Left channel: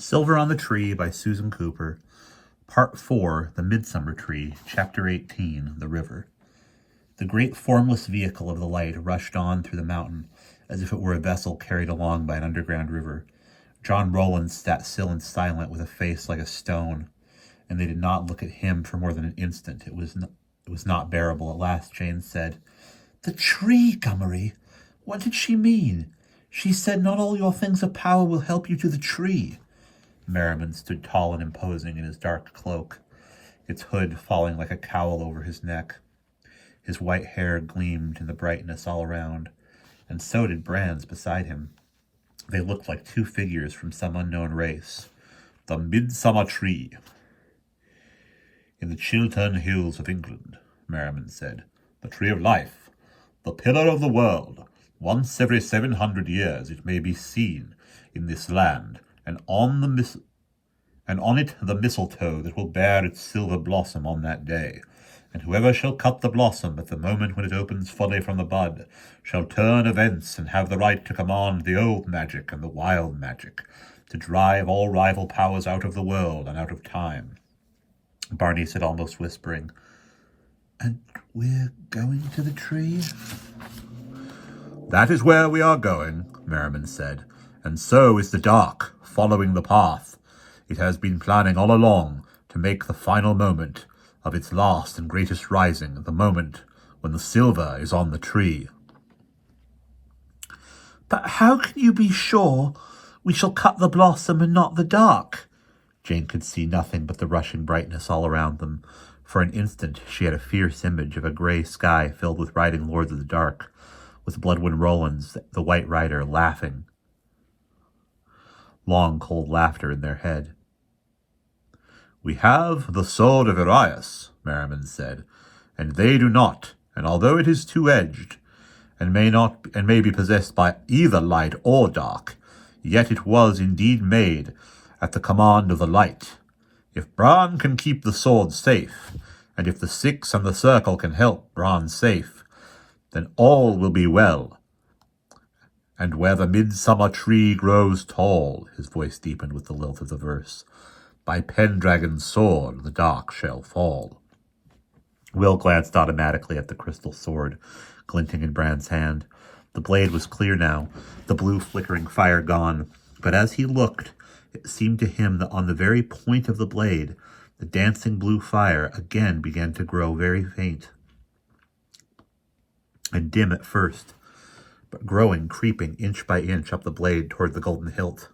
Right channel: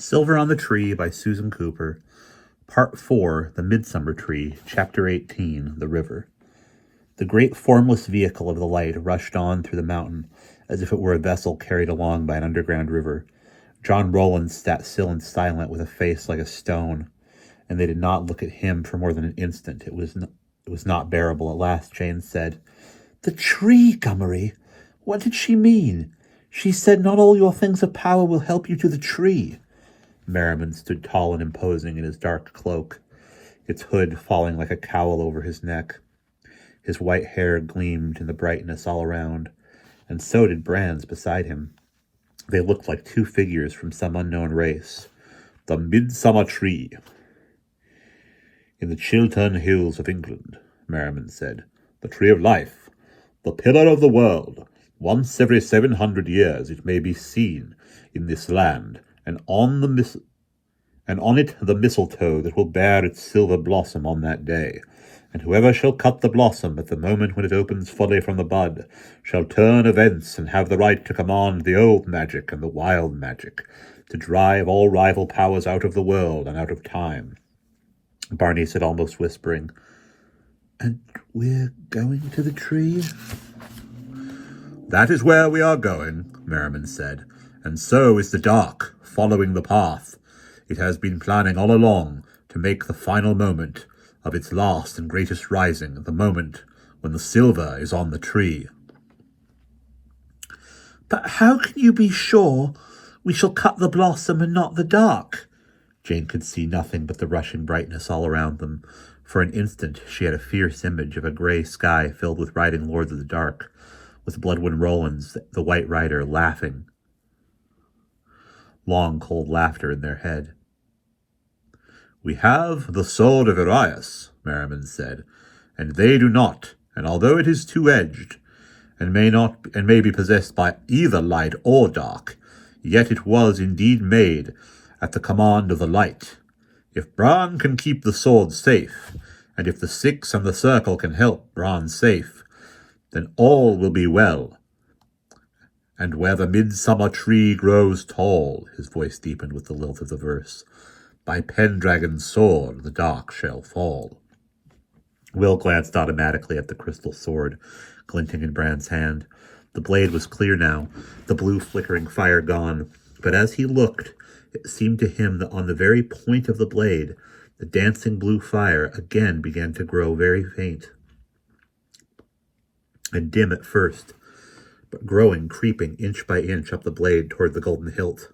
Silver on the Tree by Susan Cooper. Part 4, The Midsummer Tree, Chapter 18, The River. The great formless vehicle of the light rushed on through the mountain, as if it were a vessel carried along by an underground river. John Rowland sat still and silent, with a face like a stone, and they did not look at him for more than an instant. It was not bearable. At last Jane said, "The tree, Gummery! What did she mean? She said not all your things of power will help you to the tree." Merriman stood tall and imposing in his dark cloak, its hood falling like a cowl over his neck. His white hair gleamed in the brightness all around, and so did Brands beside him. They looked like two figures from some unknown race. "The Midsummer Tree in the Chiltern Hills of England," Merriman said. "The Tree of Life, the Pillar of the World. Once every 700 years it may be seen in this land, and on it the mistletoe that will bear its silver blossom on that day. And whoever shall cut the blossom at the moment when it opens fully from the bud shall turn events and have the right to command the old magic and the wild magic, to drive all rival powers out of the world and out of time." Barney said, almost whispering, "And we're going to the tree?" "That is where we are going," Merriman said, "and so is the dark, following the path. It has been planning all along to make the final moment of its last and greatest rising, the moment when the silver is on the tree." "But how can you be sure we shall cut the blossom and not the dark?" Jane could see nothing but the rushing brightness all around them. For an instant she had a fierce image of a grey sky filled with riding lords of the dark, with Bloodwind Rowlands, the White Rider, laughing. Long, cold laughter in their head. "We have the sword of Arias," Merriman said, "and they do not, and although it is two-edged, and may be possessed by either light or dark, yet it was indeed made at the command of the light. If Bran can keep the sword safe, and if the Six and the Circle can help Bran safe, then all will be well. And where the midsummer tree grows tall," his voice deepened with the lilt of the verse, "by Pendragon's sword the dark shall fall." Will glanced automatically at the crystal sword glinting in Bran's hand. The blade was clear now, the blue flickering fire gone, but as he looked, it seemed to him that on the very point of the blade, the dancing blue fire again began to grow very faint and dim at first, but growing, creeping inch by inch up the blade toward the golden hilt.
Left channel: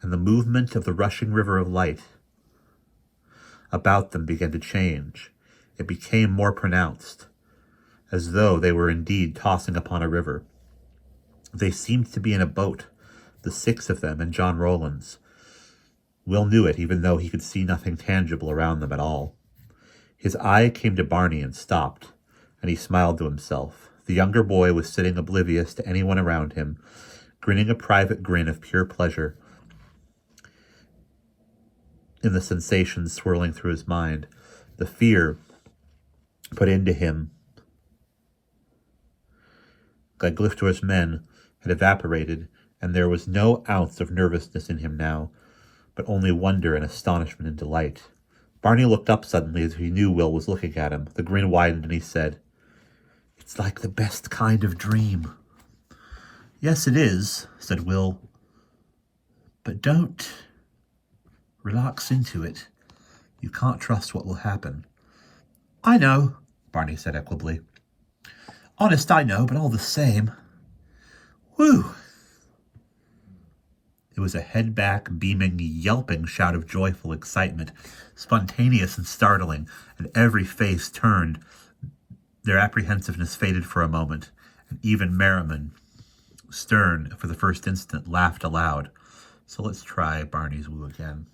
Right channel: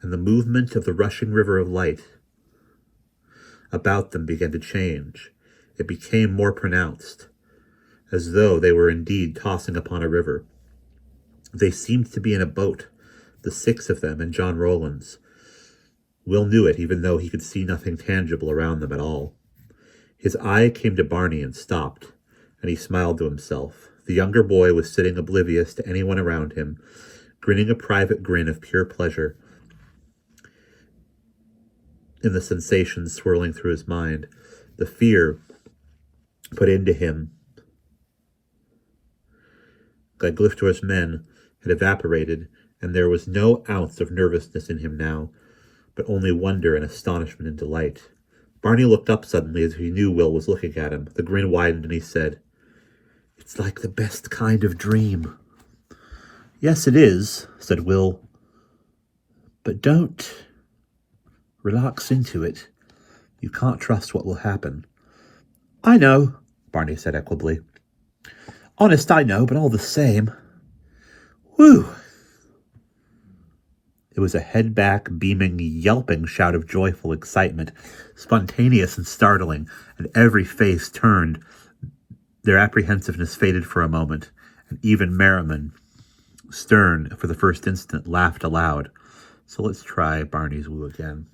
And the movement of the rushing river of light about them began to change. It became more pronounced, as though they were indeed tossing upon a river. They seemed to be in a boat, the six of them and John Rowland's. Will knew it, even though he could see nothing tangible around them at all. His eye came to Barney and stopped, and he smiled to himself. The younger boy was sitting oblivious to anyone around him, grinning a private grin of pure pleasure in the sensations swirling through his mind. The fear put into him like Gliftor's men had evaporated, and there was no ounce of nervousness in him now, but only wonder and astonishment and delight. Barney looked up suddenly as if he knew Will was looking at him. The grin widened and he said, "It's like the best kind of dream." "Yes, it is," said Will. "But don't relax into it. You can't trust what will happen." "I know," Barney said equably. "Honest, I know, but all the same. Whew." It was a head-back, beaming, yelping shout of joyful excitement, spontaneous and startling, and every face turned. Their apprehensiveness faded for a moment, and even Merriman, stern for the first instant, laughed aloud. So let's try Barney's woo again.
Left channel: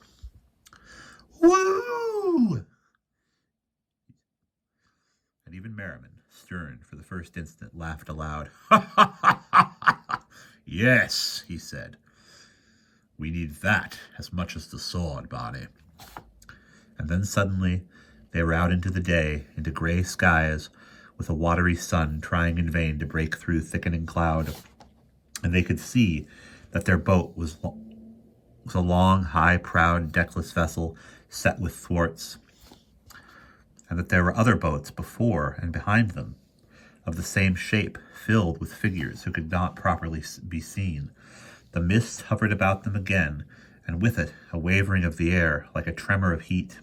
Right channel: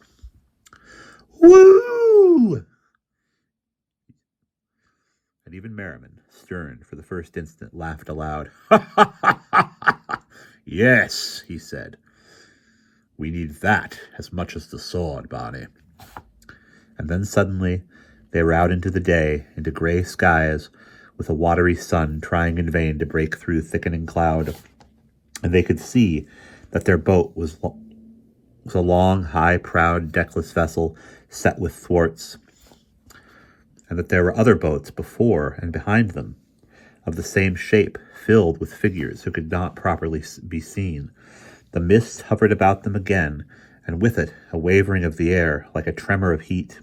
"Woo!" And even Merriman, stern for the first instant, laughed aloud. "Yes," he said. "We need that as much as the sword, Barney." And then suddenly they were out into the day, into gray skies, with a watery sun trying in vain to break through thickening cloud, and they could see that their boat was was a long, high, proud, deckless vessel set with thwarts, and that there were other boats before and behind them, of the same shape, filled with figures who could not properly be seen. The mist hovered about them again, and with it a wavering of the air, like a tremor of heat.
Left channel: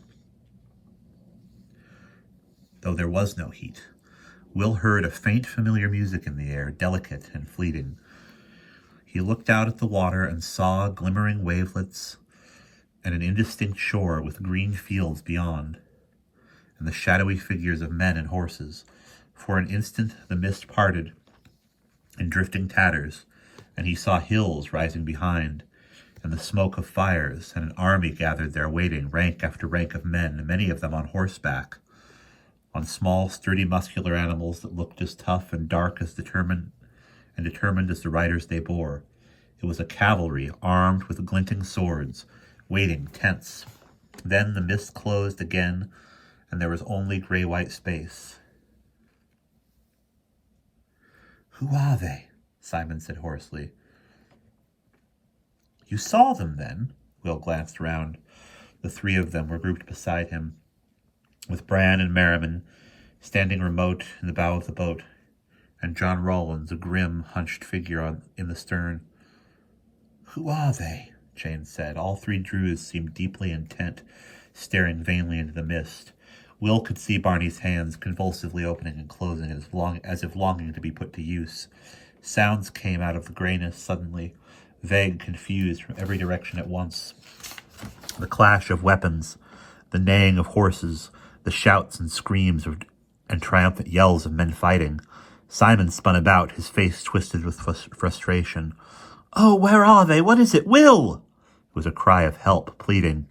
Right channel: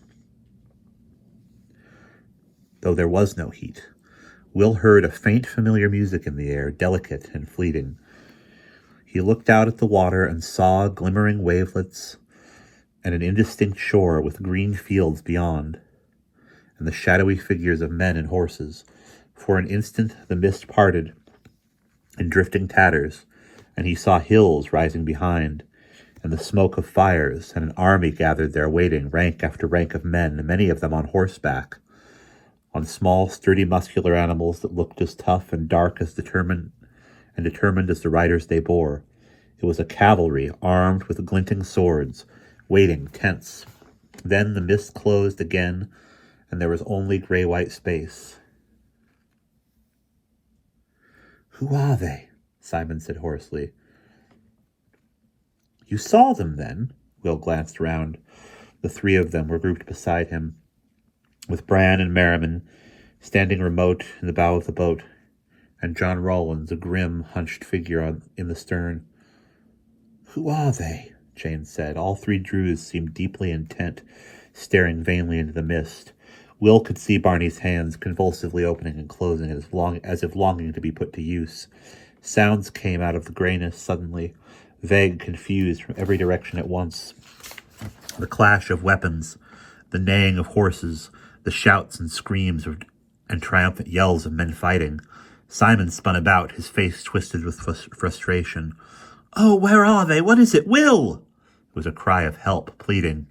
Though there was no heat, Will heard a faint familiar music in the air, delicate and fleeting. He looked out at the water and saw glimmering wavelets and an indistinct shore with green fields beyond, and the shadowy figures of men and horses. For an instant the mist parted in drifting tatters, and he saw hills rising behind, and the smoke of fires, and an army gathered there waiting, rank after rank of men, many of them on horseback, on small, sturdy, muscular animals that looked as tough and dark as determined as the riders they bore. It was a cavalry armed with glinting swords, waiting tense. Then the mist closed again, and there was only gray-white space. "Who are they?" Simon said hoarsely. "You saw them, then?" Will glanced round. The three of them were grouped beside him, with Bran and Merriman standing remote in the bow of the boat, and John Rawlins, a grim, hunched figure in the stern. "Who are they?" Jane said. All three Druids seemed deeply intent, staring vainly into the mist. Will could see Barney's hands convulsively opening and closing as if longing to be put to use. Sounds came out of the grayness suddenly, vague, confused from every direction at once. The clash of weapons, the neighing of horses, the shouts and screams and triumphant yells of men fighting. Simon spun about, his face twisted with frustration. "Oh, where are they? What is it? Will!" It was a cry of help, pleading.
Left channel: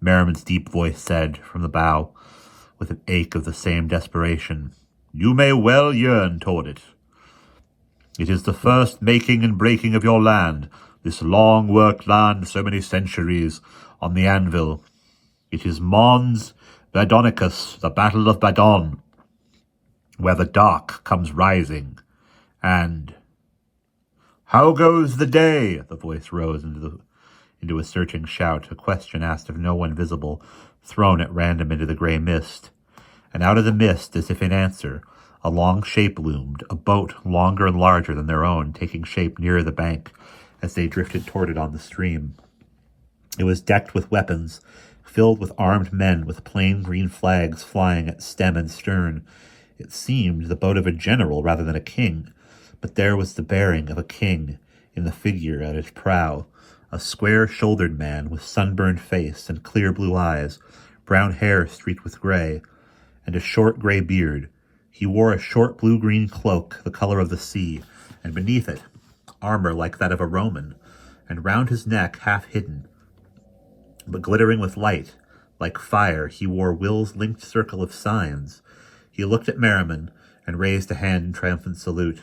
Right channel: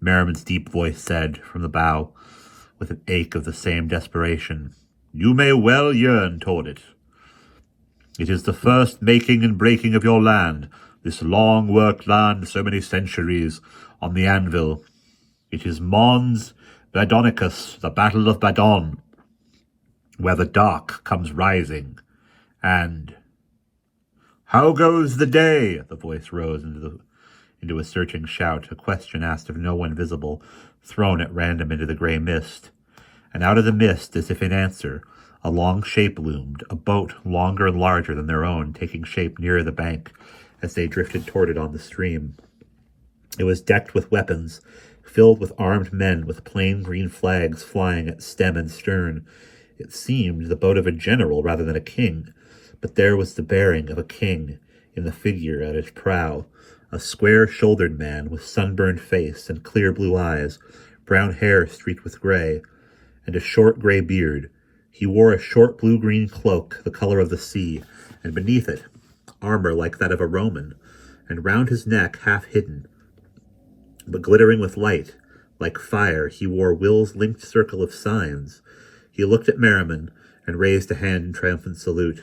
Merriman's deep voice said, from the bow, with an ache of the same desperation, "You may well yearn toward it. It is the first making and breaking of your land, this long-worked land so many centuries on the anvil. It is Mons Badonicus, the Battle of Badon, where the dark comes rising, and—" "How goes the day?" The voice rose into a searching shout, a question asked of no one visible, thrown at random into the grey mist. And out of the mist, as if in answer, a long shape loomed, a boat longer and larger than their own, taking shape nearer the bank as they drifted toward it on the stream. It was decked with weapons, filled with armed men with plain green flags flying at stem and stern. It seemed the boat of a general rather than a king, but there was the bearing of a king in the figure at its prow, a square-shouldered man with sunburned face and clear blue eyes, brown hair streaked with gray, and a short gray beard. He wore a short blue-green cloak, the color of the sea, and beneath it, armor like that of a Roman, and round his neck, half hidden, but glittering with light, like fire, he wore Will's linked circle of signs. He looked at Merriman and raised a hand in triumphant salute.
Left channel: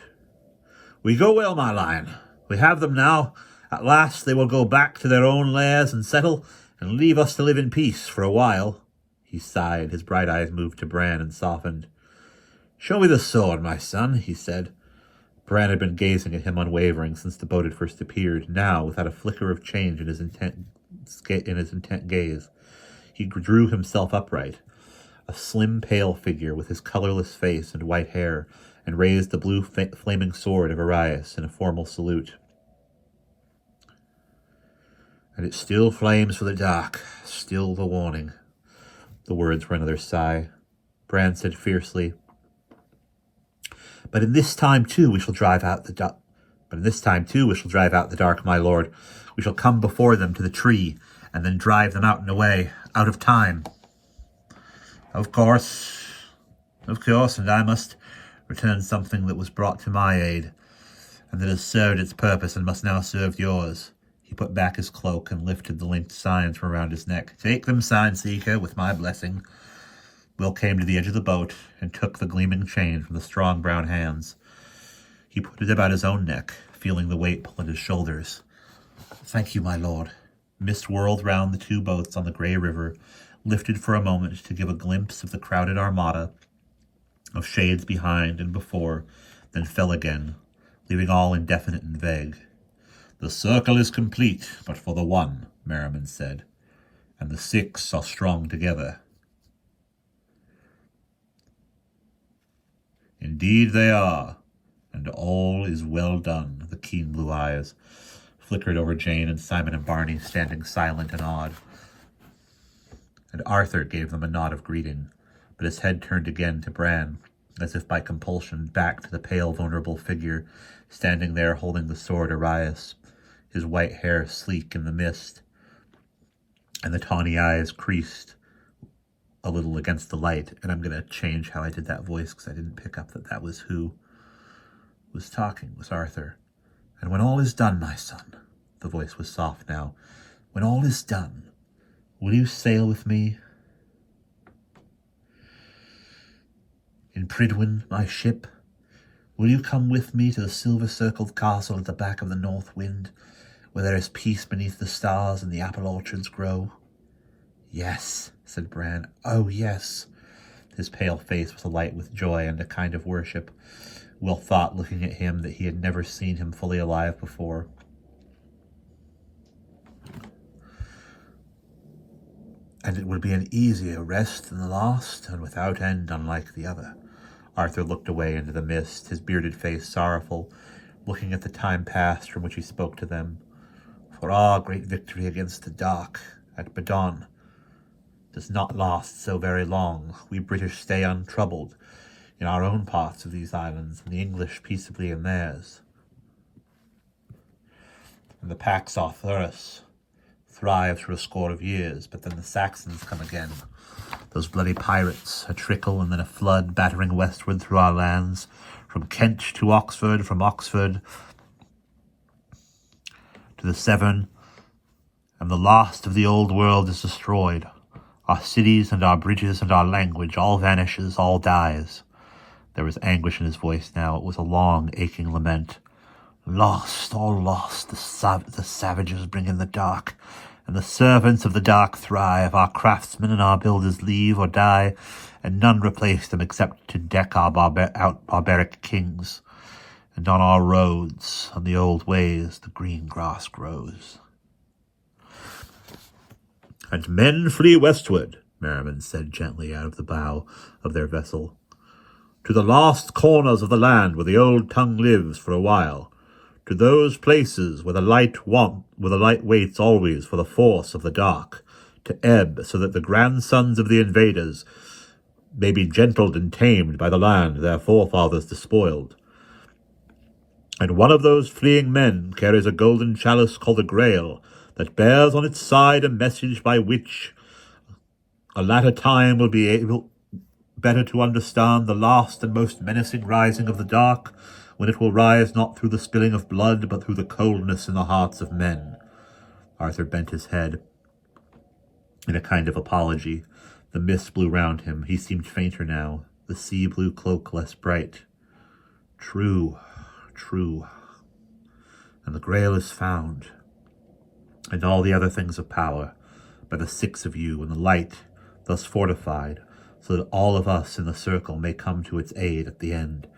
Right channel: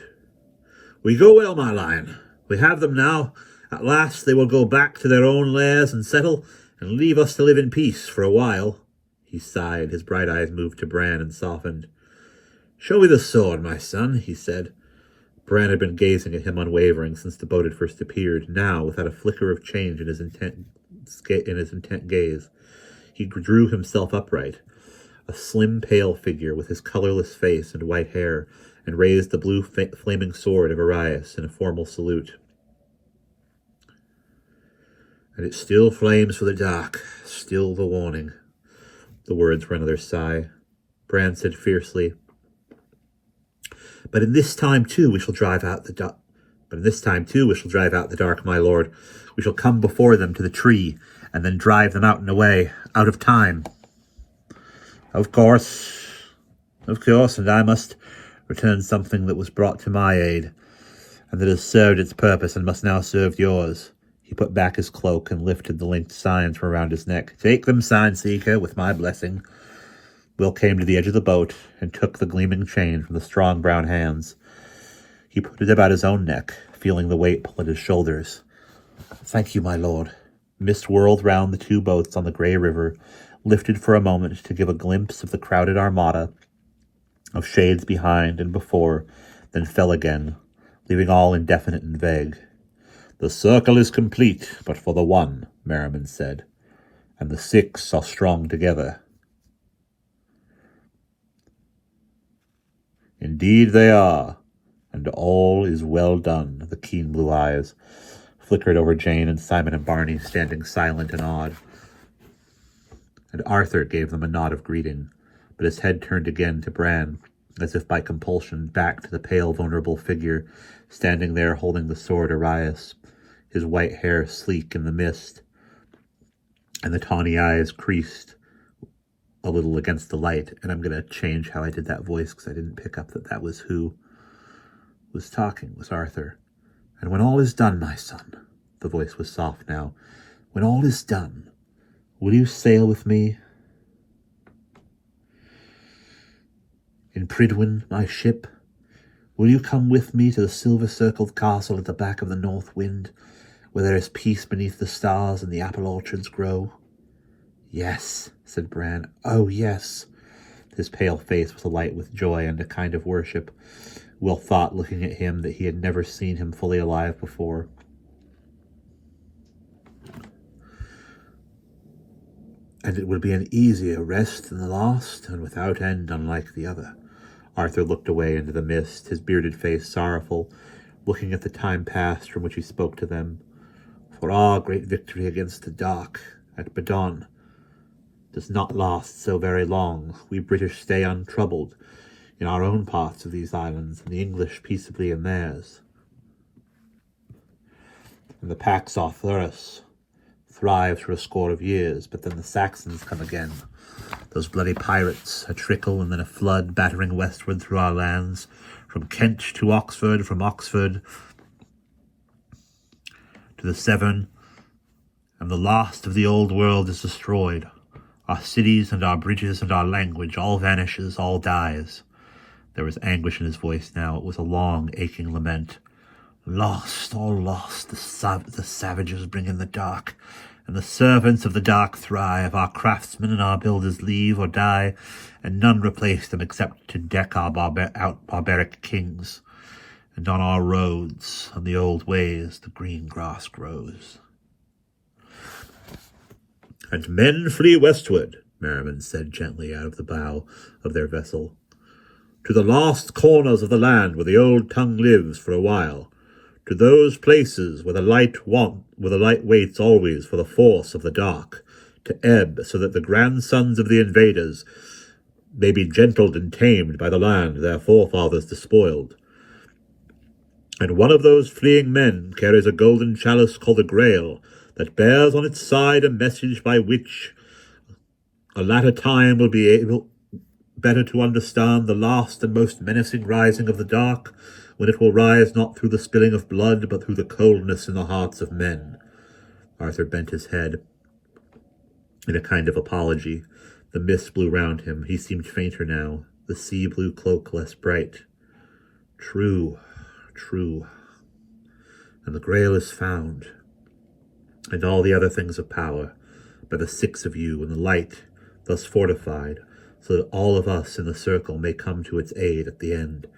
"We go well, my lion. We have them now. At last they will go back to their own lairs and settle, and leave us to live in peace for a while." He sighed. His bright eyes moved to Bran and softened. "Show me the sword, my son," he said. Bran had been gazing at him unwavering since the boat had first appeared. Now, without a flicker of change in his intent gaze, he drew himself upright, a slim, pale figure with his colorless face and white hair, and raised the blue flaming sword of Arias in a formal salute. "And it still flames for the dark, still the warning." The words were another sigh. Bran said fiercely, But in this time too we shall drive out the dark, my lord. We shall come before them to the tree, and then drive them out and away, out of time." Of course, and I must return something that was brought to my aid, and that has served its purpose and must now serve yours." He put back his cloak and lifted the linked signs from around his neck. "Take them, sign seeker, with my blessing." Will came to the edge of the boat and took the gleaming chain from the strong brown hands. He put it about his own neck, feeling the weight pull at his shoulders. "Thank you, my lord." Mist whirled round the two boats on the grey river, lifted for a moment to give a glimpse of the crowded armada, of shades behind and before, then fell again, leaving all indefinite and vague. "The circle is complete, but for the one," Merriman said, and the 6 are strong together. Indeed they are, and all is well done. The keen blue eyes flickered over Jane and Simon and Barney, standing silent and awed. And Arthur gave them a nod of greeting, but his head turned again to Bran, as if by compulsion, back to the pale, vulnerable figure standing there holding the sword Arias, his white hair sleek in the mist, and the tawny eyes creased a little against the light. And I'm going to change how I did that voice because I didn't pick up that that was who was talking, was Arthur. And when all is done, my son, the voice was soft now, when all is done, will you sail with me? In Pridwen, my ship, will you come with me to the silver-circled castle at the back of the north wind, where there is peace beneath the stars and the apple orchards grow? Yes, said Bran. Oh, yes. His pale face was alight with joy and a kind of worship. Will thought, looking at him, that he had never seen him fully alive before. And it would be an easier rest than the last, and without end unlike the other. Arthur looked away into the mist, his bearded face sorrowful, looking at the time past from which he spoke to them. For our great victory against the dark at Badon does not last so very long. We British stay untroubled in our own parts of these islands, and the English peaceably in theirs. And the Pax Arthurus thrives for a score of years, but then the Saxons come again. Those bloody pirates, a trickle and then a flood battering westward through our lands, from Kent to Oxford, from Oxford to the Severn, and the last of the old world is destroyed. Our cities and our bridges and our language, all vanishes, all dies. There was anguish in his voice now. It was a long, aching lament. Lost, all lost, the savages bring in the dark, and the servants of the dark thrive. Our craftsmen and our builders leave or die, and none replace them except to deck our barbaric kings. And on our roads, on the old ways, the green grass grows. And men flee westward, Merriman said gently out of the bow of their vessel, to the last corners of the land where the old tongue lives for a while, to those places where the light waits always for the force of the dark to ebb, so that the grandsons of the invaders may be gentled and tamed by the land their forefathers despoiled. And one of those fleeing men carries a golden chalice called the Grail, that bears on its side a message by which a latter time will be able better to understand the last and most menacing rising of the dark, when it will rise not through the spilling of blood, but through the coldness in the hearts of men. Arthur bent his head in a kind of apology. The mist blew round him. He seemed fainter now, the sea-blue cloak less bright. True, true. And the Grail is found, and all the other things of power, by the 6 of you, and the light, thus fortified, so that all of us in the circle may come to its aid at the end.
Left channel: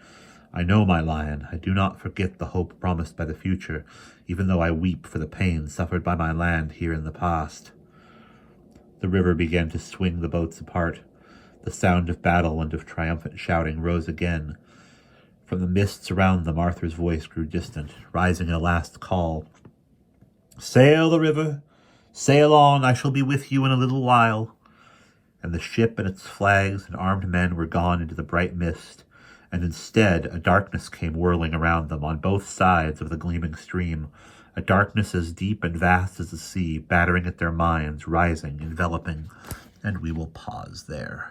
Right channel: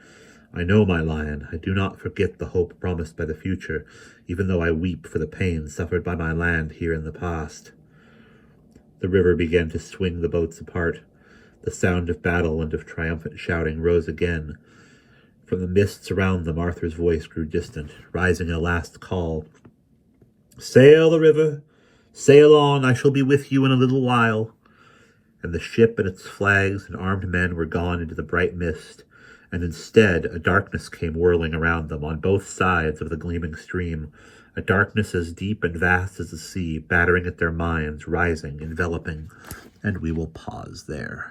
I know, my lion, I do not forget the hope promised by the future, even though I weep for the pain suffered by my land here in the past. The river began to swing the boats apart. The sound of battle and of triumphant shouting rose again. From the mists around them, Arthur's voice grew distant, rising in a last call. Sail the river, sail on, I shall be with you in a little while. And the ship and its flags and armed men were gone into the bright mist, and instead a darkness came whirling around them on both sides of the gleaming stream, a darkness as deep and vast as the sea, battering at their minds, rising, enveloping, and we will pause there.